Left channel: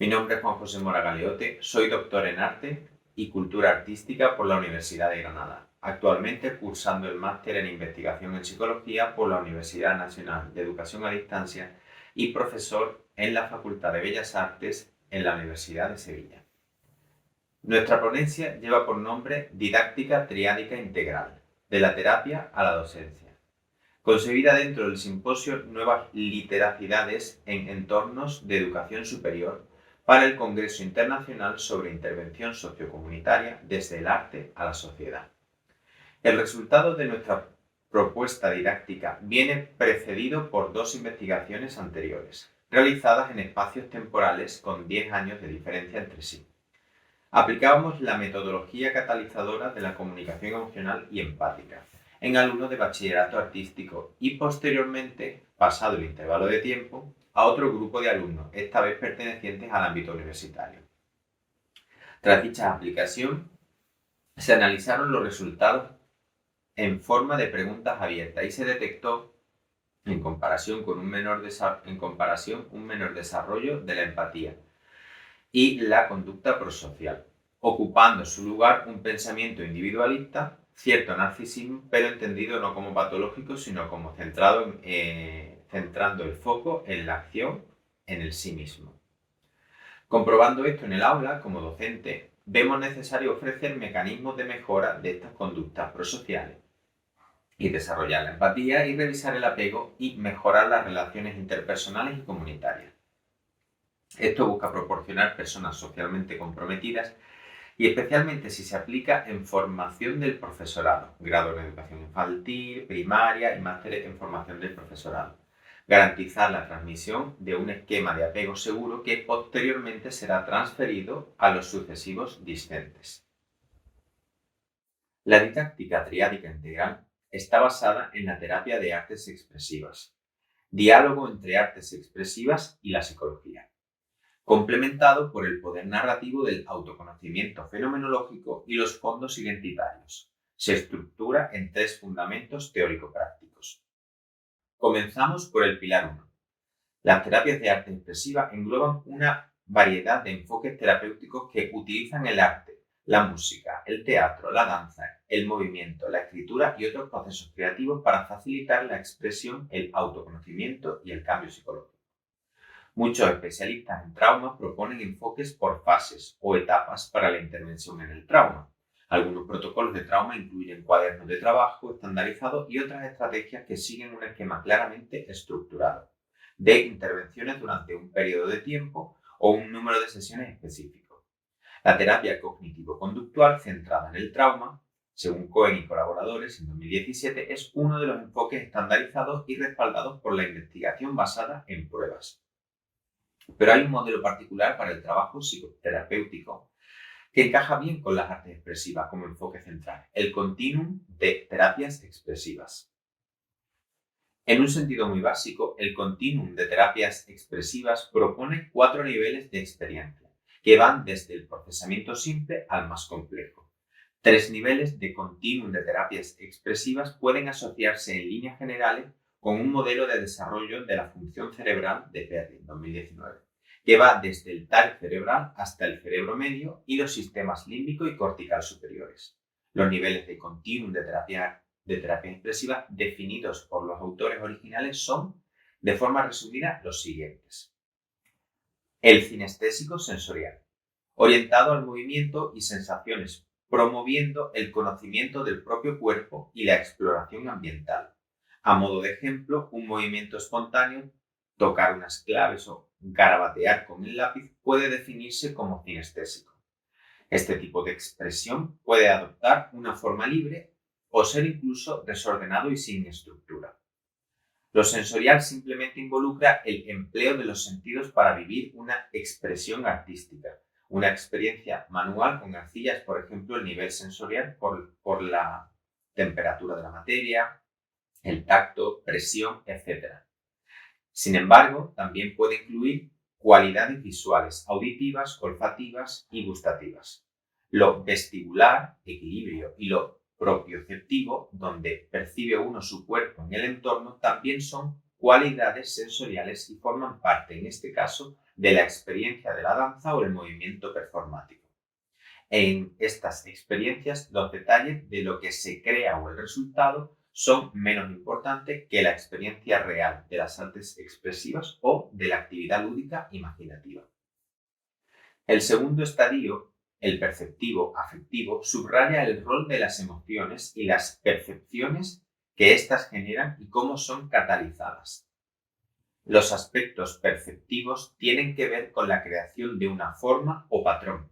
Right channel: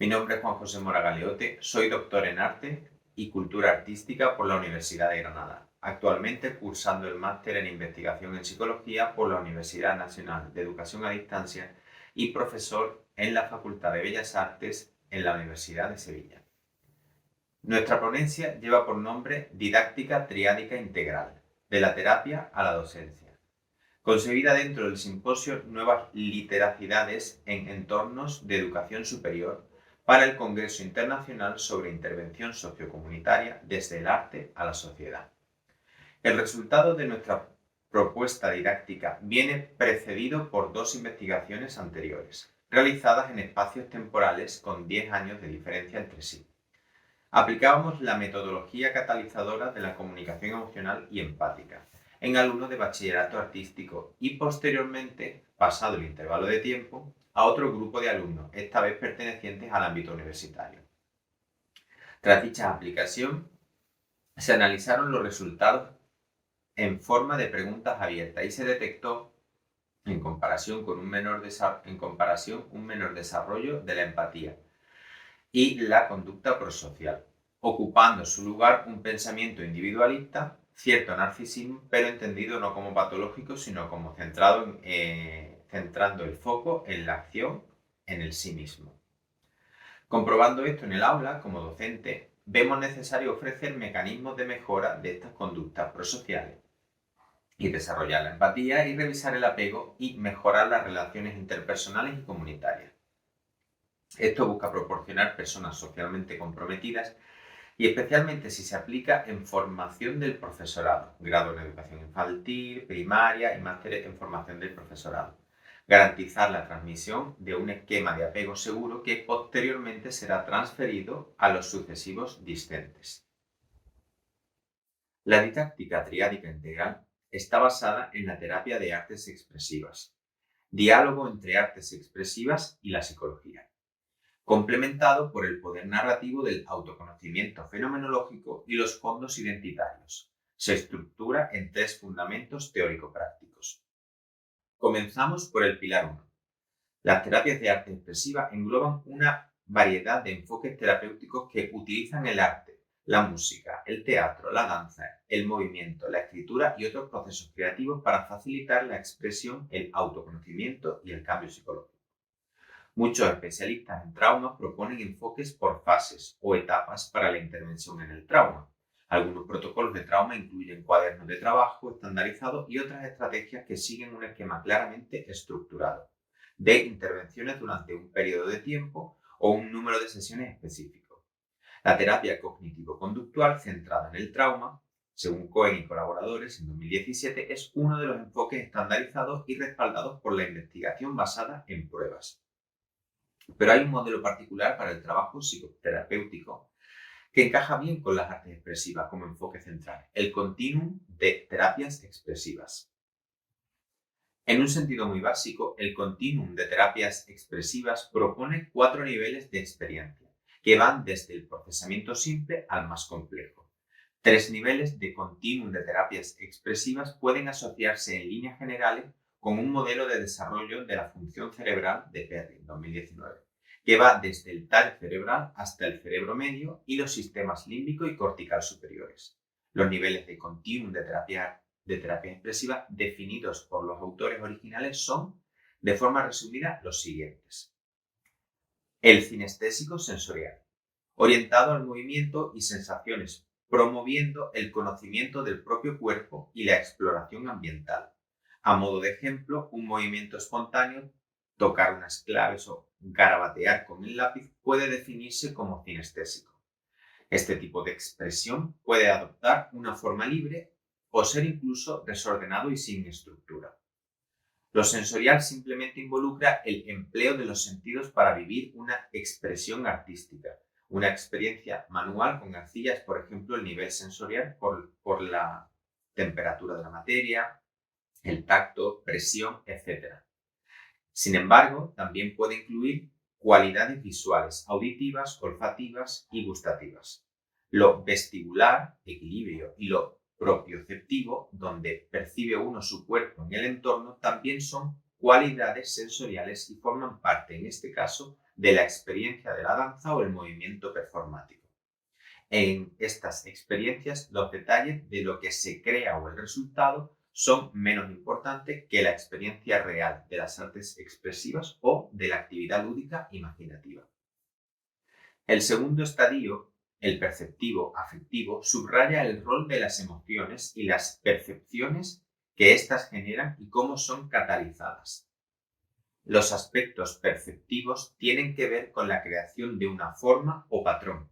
Mi nombre es Juan José Mora Galeote, soy doctor en Arte y Cultura Artística por la Universidad de Granada, actualmente cursando el máster en Investigación en Psicología por la Universidad Nacional de Educación a Distancia y profesor en la Facultad de Bellas Artes en la Universidad de Sevilla. Nuestra ponencia lleva por nombre Didáctica Triádica Integral, de la terapia a la docencia, concebida dentro del simposio Nuevas Literacidades en Entornos de Educación Superior para el Congreso Internacional sobre Intervención Sociocomunitaria desde el Arte a la Sociedad. El resultado de nuestra propuesta didáctica viene precedido por dos investigaciones anteriores, realizadas en espacios temporales con 10 años de diferencia entre sí. Aplicábamos la metodología catalizadora de la comunicación emocional y empática en alumnos de bachillerato artístico y posteriormente, pasado el intervalo de tiempo, a otro grupo de alumnos, esta vez pertenecientes al ámbito universitario. Tras dicha aplicación, se analizaron los resultados en forma de preguntas abiertas y se detectó, en comparación, un menor desarrollo de la empatía y la conducta prosocial, ocupando su lugar un pensamiento individualista, cierto narcisismo, pero entendido no como patológico, sino como centrando el foco en la acción, en el sí mismo. Comprobando esto en el aula, como docente, vemos necesario ofrecer mecanismos de mejora de estas conductas prosociales y desarrollar la empatía y revisar el apego y mejorar las relaciones interpersonales y comunitarias. Esto busca proporcionar personas socialmente comprometidas y especialmente si se aplica en formación del profesorado, grado en educación infantil, primaria y máster en formación del profesorado. Garantizar la transmisión de un esquema de apego seguro que posteriormente será transferido a los sucesivos discentes. La didáctica triádica integral está basada en la terapia de artes expresivas, diálogo entre artes expresivas y la psicología, complementado por el poder narrativo del autoconocimiento fenomenológico y los fondos identitarios. Se estructura en 3 fundamentos teórico-prácticos. Comenzamos por el pilar 1. Las terapias de arte expresiva engloban una variedad de enfoques terapéuticos que utilizan el arte, la música, el teatro, la danza, el movimiento, la escritura y otros procesos creativos para facilitar la expresión, el autoconocimiento y el cambio psicológico. Muchos especialistas en trauma proponen enfoques por fases o etapas para la intervención en el trauma. Algunos protocolos de trauma incluyen cuadernos de trabajo estandarizados y otras estrategias que siguen un esquema claramente estructurado de intervenciones durante un periodo de tiempo o un número de sesiones específico. La terapia cognitivo-conductual centrada en el trauma, según Cohen y colaboradores en 2017, es uno de los enfoques estandarizados y respaldados por la investigación basada en pruebas. Pero hay un modelo particular para el trabajo psicoterapéutico que encaja bien con las artes expresivas como enfoque central, el continuum de terapias expresivas. En un sentido muy básico, el continuum de terapias expresivas propone 4 niveles de experiencia, que van desde el procesamiento simple al más complejo. 3 niveles de continuum de terapias expresivas pueden asociarse en líneas generales con un modelo de desarrollo de la función cerebral de Perry, 2019, que va desde el tallo cerebral hasta el cerebro medio y los sistemas límbico y cortical superiores. Los niveles de continuum de terapia expresiva definidos por los autores originales son, de forma resumida, los siguientes. El cinestésico sensorial, orientado al movimiento y sensaciones, promoviendo el conocimiento del propio cuerpo y la exploración ambiental. A modo de ejemplo, un movimiento espontáneo, tocar unas claves o garabatear con el lápiz puede definirse como cinestésico. Este tipo de expresión puede adoptar una forma libre o ser incluso desordenado y sin estructura. Lo sensorial simplemente involucra el empleo de los sentidos para vivir una expresión artística, una experiencia manual con arcillas, por ejemplo, el nivel sensorial por la temperatura de la materia, el tacto, presión, etc. Sin embargo, también puede incluir cualidades visuales, auditivas, olfativas y gustativas. Lo vestibular, equilibrio, y lo propioceptivo, donde percibe uno su cuerpo en el entorno, también son cualidades sensoriales y forman parte, en este caso, de la experiencia de la danza o el movimiento performático. En estas experiencias, los detalles de lo que se crea o el resultado son menos importantes que la experiencia real de las artes expresivas o de la actividad lúdica imaginativa. El segundo estadio, el perceptivo afectivo, subraya el rol de las emociones y las percepciones que éstas generan y cómo son catalizadas. Los aspectos perceptivos tienen que ver con la creación de una forma o patrón,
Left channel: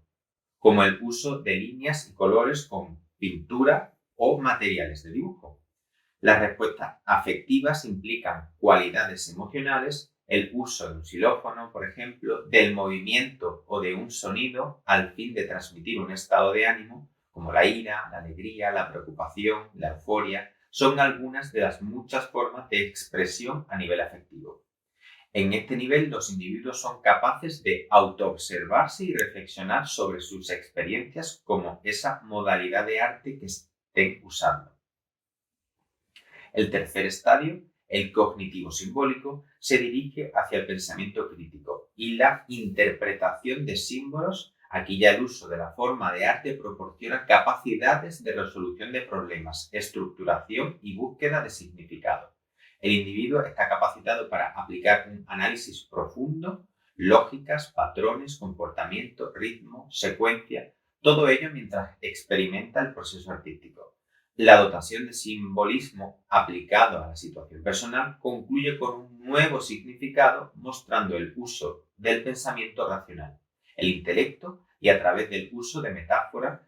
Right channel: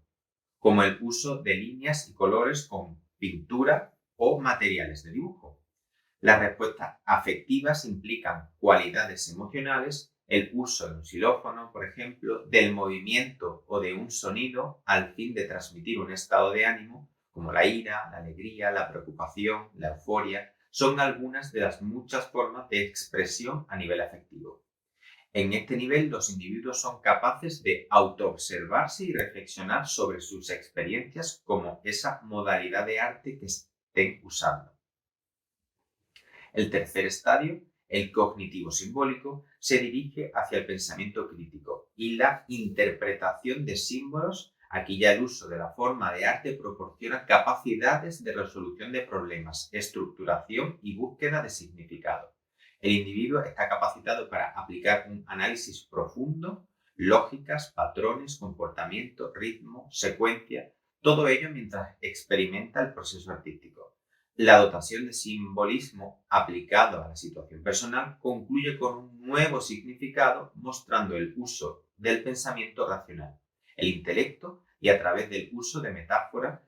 como el uso de líneas y colores con pintura o materiales de dibujo. Las respuestas afectivas implican cualidades emocionales, el uso de un xilófono, por ejemplo, del movimiento o de un sonido al fin de transmitir un estado de ánimo, como la ira, la alegría, la preocupación, la euforia, son algunas de las muchas formas de expresión a nivel afectivo. En este nivel, los individuos son capaces de autoobservarse y reflexionar sobre sus experiencias como esa modalidad de arte que estén usando. El tercer estadio, el cognitivo simbólico, se dirige hacia el pensamiento crítico y la interpretación de símbolos. Aquí ya el uso de la forma de arte proporciona capacidades de resolución de problemas, estructuración y búsqueda de significado. El individuo está capacitado para aplicar un análisis profundo, lógicas, patrones, comportamiento, ritmo, secuencia, todo ello mientras experimenta el proceso artístico. La dotación de simbolismo aplicado a la situación personal concluye con un nuevo significado mostrando el uso del pensamiento racional, el intelecto y a través del uso de metáforas,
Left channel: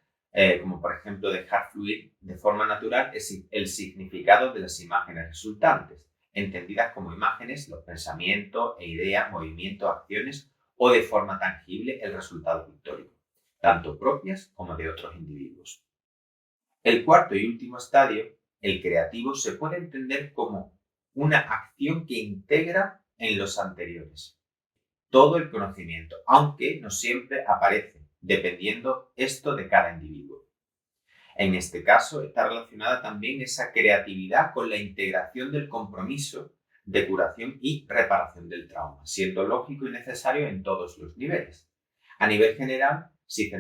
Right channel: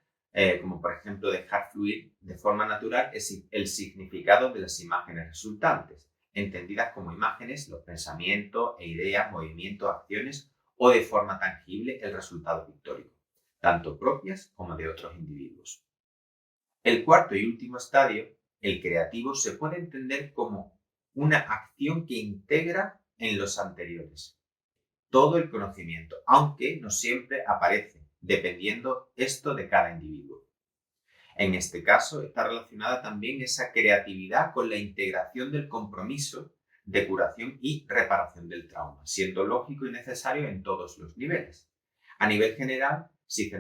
como por ejemplo dejar fluir de forma natural el significado de las imágenes resultantes, entendidas como imágenes, los pensamientos e ideas, movimientos, acciones o de forma tangible el resultado pictórico, tanto propias como de otros individuos. El cuarto y último estadio, el creativo, se puede entender como una acción que integra en los anteriores todo el conocimiento, aunque no siempre aparece, dependiendo esto de cada individuo. En este caso, está relacionada también esa creatividad con la integración del compromiso de curación y reparación del trauma, siendo lógico y necesario en todos los niveles. A nivel general, sin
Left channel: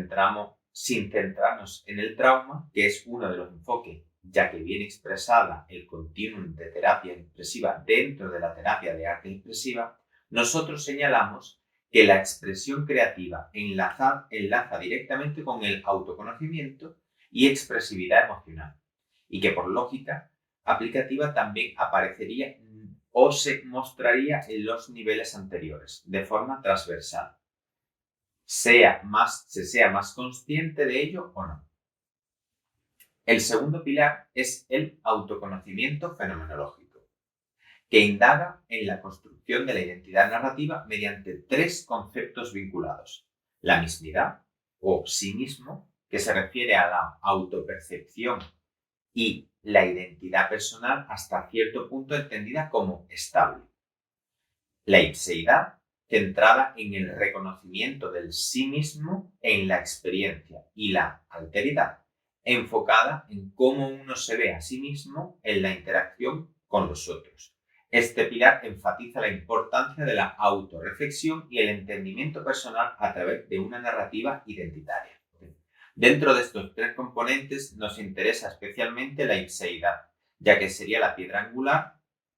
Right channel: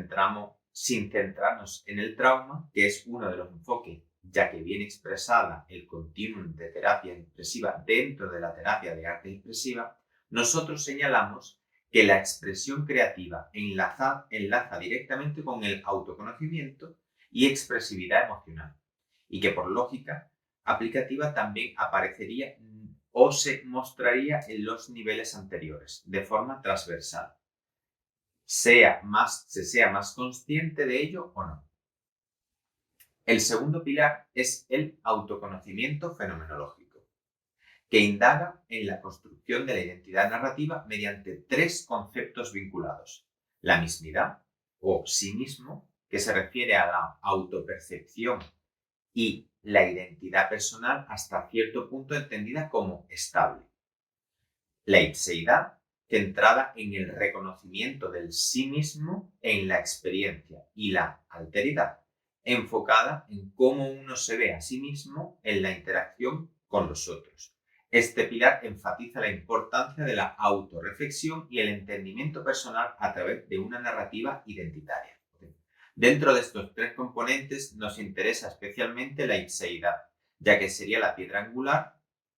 centrarnos en el trauma, que es uno de los enfoques, ya que viene expresada el continuum de terapia expresiva dentro de la terapia de arte expresiva, nosotros señalamos que la expresión creativa enlaza directamente con el autoconocimiento y expresividad emocional, y que por lógica aplicativa también aparecería o se mostraría en los niveles anteriores, de forma transversal, se sea más consciente de ello o no. El segundo pilar es el autoconocimiento fenomenológico, que indaga en la construcción de la identidad narrativa mediante tres conceptos vinculados: la mismidad o sí mismo, que se refiere a la autopercepción y la identidad personal hasta cierto punto entendida como estable. La ipseidad, centrada en el reconocimiento del sí mismo en la experiencia, y la alteridad, enfocada en cómo uno se ve a sí mismo en la interacción con los otros. Este pilar enfatiza la importancia de la autorreflexión y el entendimiento personal a través de una narrativa identitaria. Dentro de estos tres componentes nos interesa especialmente la ipseidad, ya que sería la piedra angular,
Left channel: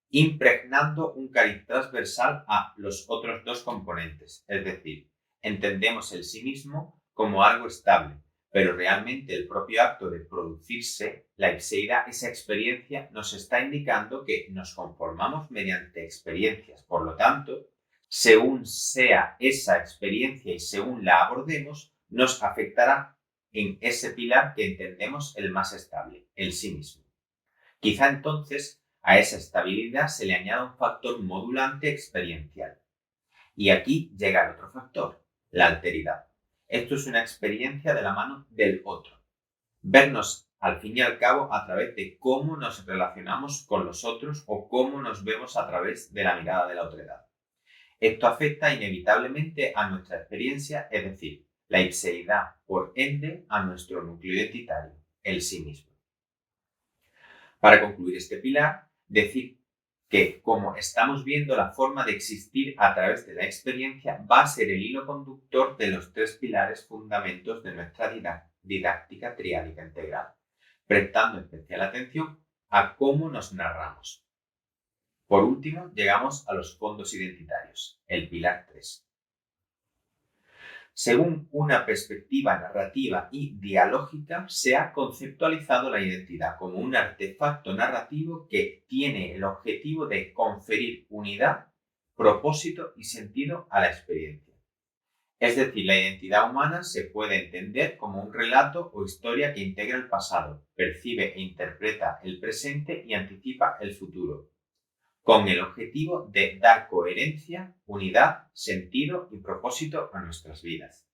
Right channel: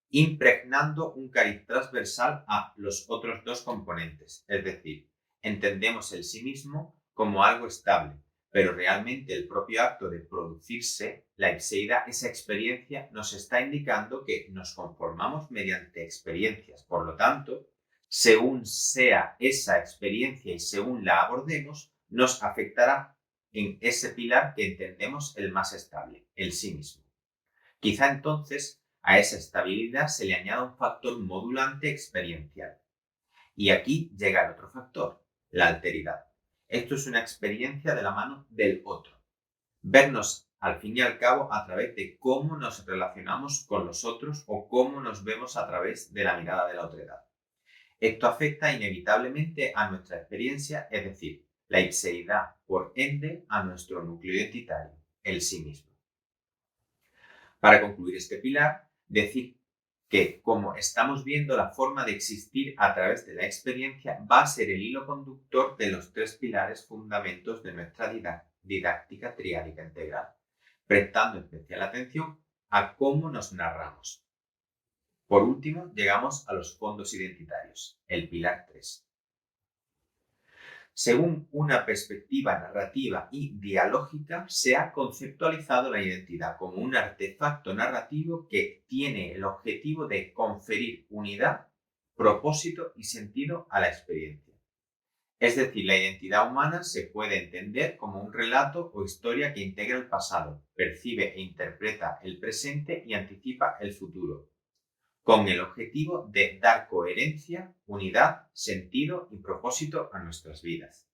impregnando un cariz transversal a los otros dos componentes. Es decir, entendemos el sí mismo como algo estable, pero realmente el propio acto de producirse, la ipseidad, esa experiencia, nos está indicando que nos conformamos mediante experiencias. Por lo tanto, según sea esa experiencia y según la abordemos, nos afectará en ese pilar que entendemos el más estable, el sí mismo. Quizá entonces a esa estabilidad se le añada un factor modulante experiencial. Y aquí llega el otro factor, la alteridad. Esto es una experiencia de la mano del otro. Vernos al fin y al cabo a través de cómo nos relacionamos con los otros o cómo nos vemos a través de la mirada de la otredad. Esto afecta inevitablemente a nuestra experiencia, es decir, la ipseidad, por ende, a nuestro núcleo identitario, el sí mismo. Para concluir este pilar, decir que, como estamos viendo, la forma de existir a través de la experiencia va a ser el hilo conductor de los 3 pilares fundamentos de nuestra didáctica triádica integral, prestando especial atención a cómo nos narramos. Por último, llegamos a los fondos identitarios, el pilar 3. Según una perspectiva narrativa y dialógica, se ha conceptualizado la identidad como un artefacto narrativo que tiene el objetivo de conferir unidad, propósito y sentido a la experiencia. Es decir, la identidad humana se puede entender como un relato o historia que integra el pasado, percibe e interpreta el presente y anticipa el futuro, con el objetivo de dar coherencia, unidad, sentido y propósito a nuestras vidas.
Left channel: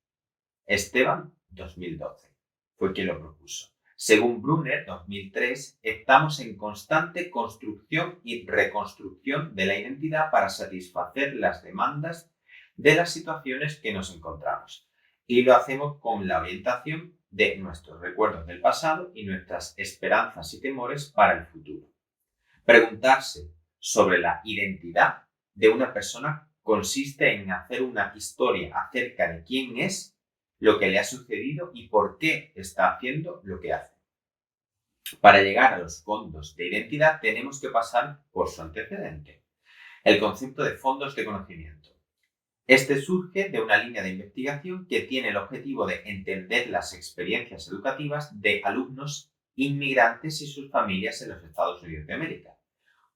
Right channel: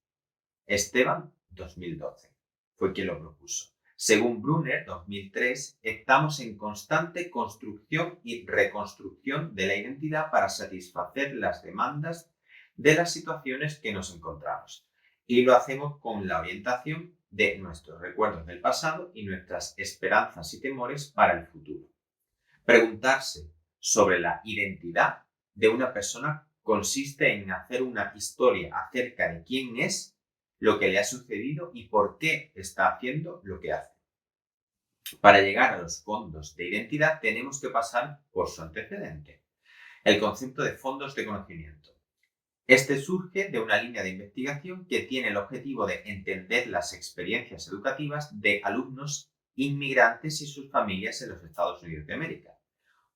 Esteban, 2012, fue quien lo propuso. Según Brunner, 2003, estamos en constante construcción y reconstrucción de la identidad para satisfacer las demandas de las situaciones que nos encontramos. Y lo hacemos con la orientación de nuestros recuerdos del pasado y nuestras esperanzas y temores para el futuro. Preguntarse sobre la identidad de una persona consiste en hacer una historia acerca de quién es, lo que le ha sucedido y por qué está haciendo lo que hace. Para llegar a los fondos de identidad tenemos que pasar por su antecedente, el concepto de fondos de conocimiento. Este surge de una línea de investigación que tiene el objetivo de entender las experiencias educativas de alumnos inmigrantes y sus familias en los Estados Unidos de América.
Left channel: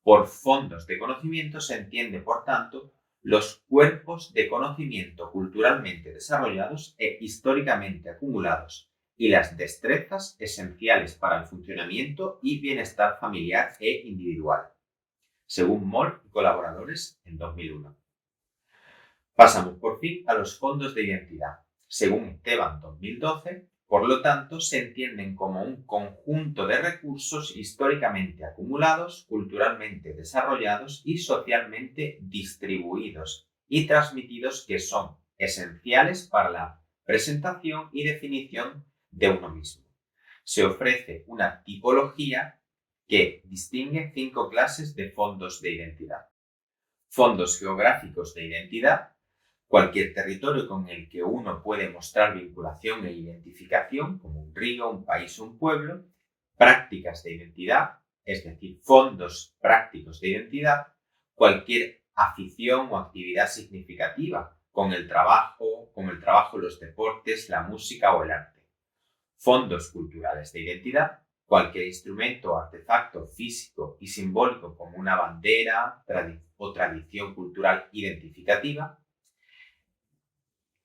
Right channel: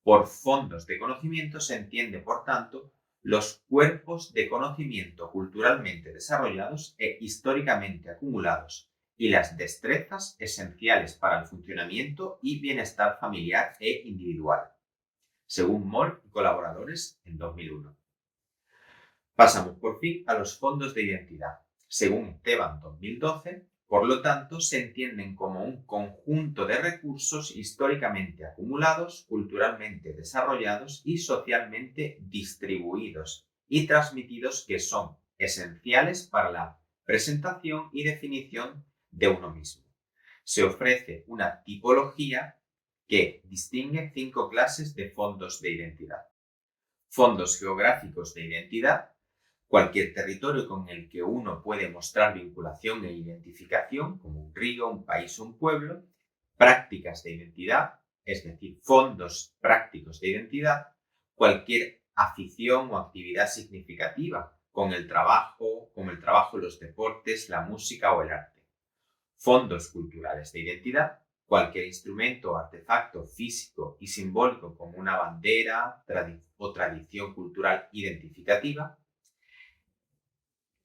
Por fondos de conocimiento se entiende, por tanto, los cuerpos de conocimiento culturalmente desarrollados e históricamente acumulados y las destrezas esenciales para el funcionamiento y bienestar familiar e individual, según Moll y colaboradores en 2001. Pasamos por fin a los fondos de identidad. Según Esteban 2012, por lo tanto, se entienden como un conjunto de recursos históricamente acumulados, culturalmente desarrollados y socialmente distribuidos y transmitidos que son esenciales para la presentación y definición de uno mismo. Se ofrece una tipología que distingue 5 clases de fondos de identidad. Fondos geográficos de identidad: cualquier territorio con el que uno puede mostrar vinculación e identificación, como un río, un país o un pueblo. Prácticas de identidad, es decir, fondos prácticos de identidad: cualquier afición o actividad significativa, como el trabajo, los deportes, la música o el arte. Fondos culturales de identidad: cualquier instrumento o artefacto físico y simbólico como una bandera o tradición cultural identificativa.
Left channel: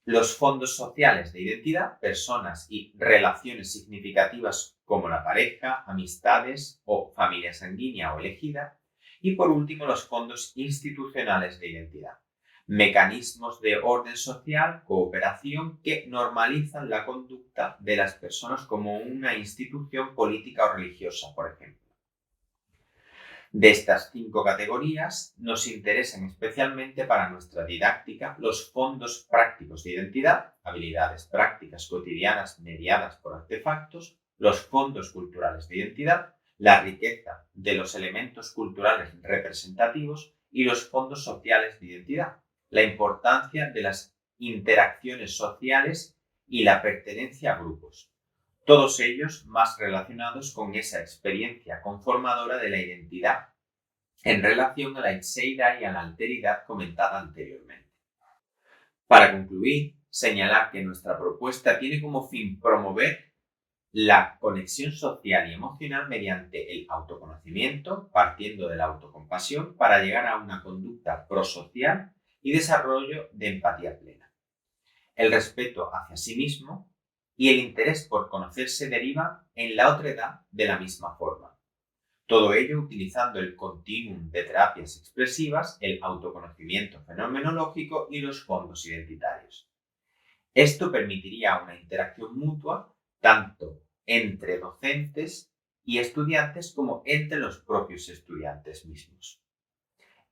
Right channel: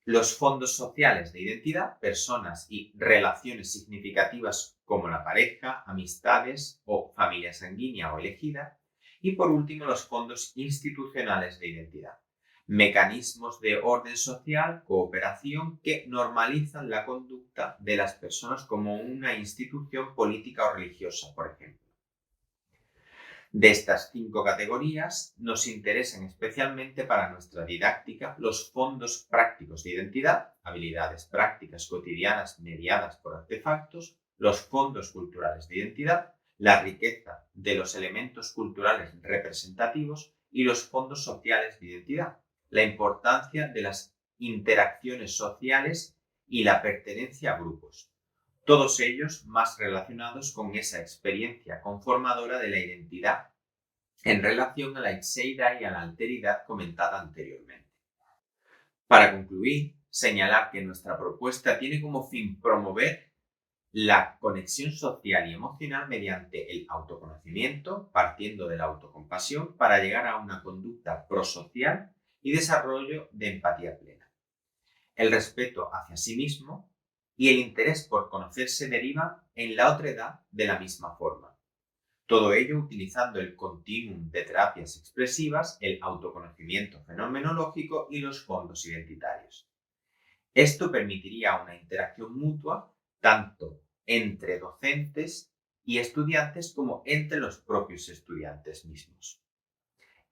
Los fondos sociales de identidad: personas y relaciones significativas como la pareja, amistades o familia sanguínea o elegida. Y por último, los fondos institucionales de identidad: mecanismos de orden social, cooperación que normalizan la conducta de las personas como una institución política o religiosa, por ejemplo. De estas 5 categorías nos interesan especialmente para nuestra didáctica los fondos prácticos de identidad, habilidades prácticas cotidianas mediadas por artefactos; los fondos culturales de identidad, la riqueza de los elementos culturales representativos; y los fondos sociales de identidad, la importancia de las interacciones sociales y la pertenencia a grupos. Todos ellos más relacionados con esa experiencia conformadora de la identidad en relación a la ixeidad y a la alteridad comentada anteriormente. Para concluir, señalar que nuestra propuesta tiene como fin promover la conexión social y emocional mediante el autoconocimiento, partiendo de la autocompasión, para llegar a una conducta prosocial y desarrollo de empatía plena. El respeto hacia sí mismo y el interés por conocerse deriva en la otredad de la misma forma. Todo ello utilizando el continuum de terapias expresivas, el autoconocimiento fenomenológico y los fondos identitarios. Esto permitiría una interacción mutua tanto entre docentes y estudiantes como entre los propios estudiantes mismos.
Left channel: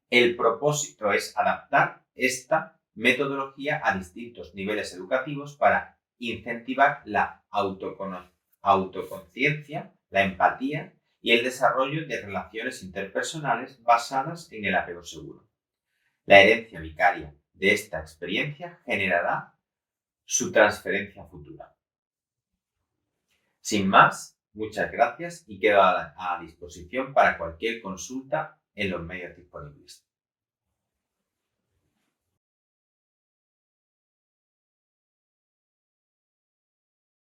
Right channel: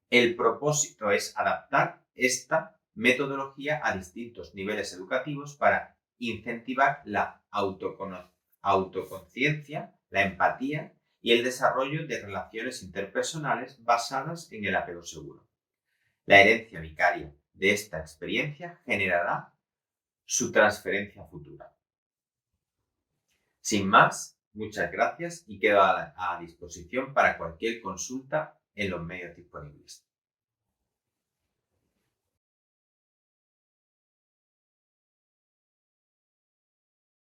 El propósito es adaptar esta metodología a distintos niveles educativos para incentivar la autoconciencia, la empatía y el desarrollo de relaciones interpersonales basadas en el apego seguro. La herencia vicaria de esta experiencia generará su transferencia futura. Sin más, muchas gracias y quedo a disposición para cualquier consulta en los medios disponibles.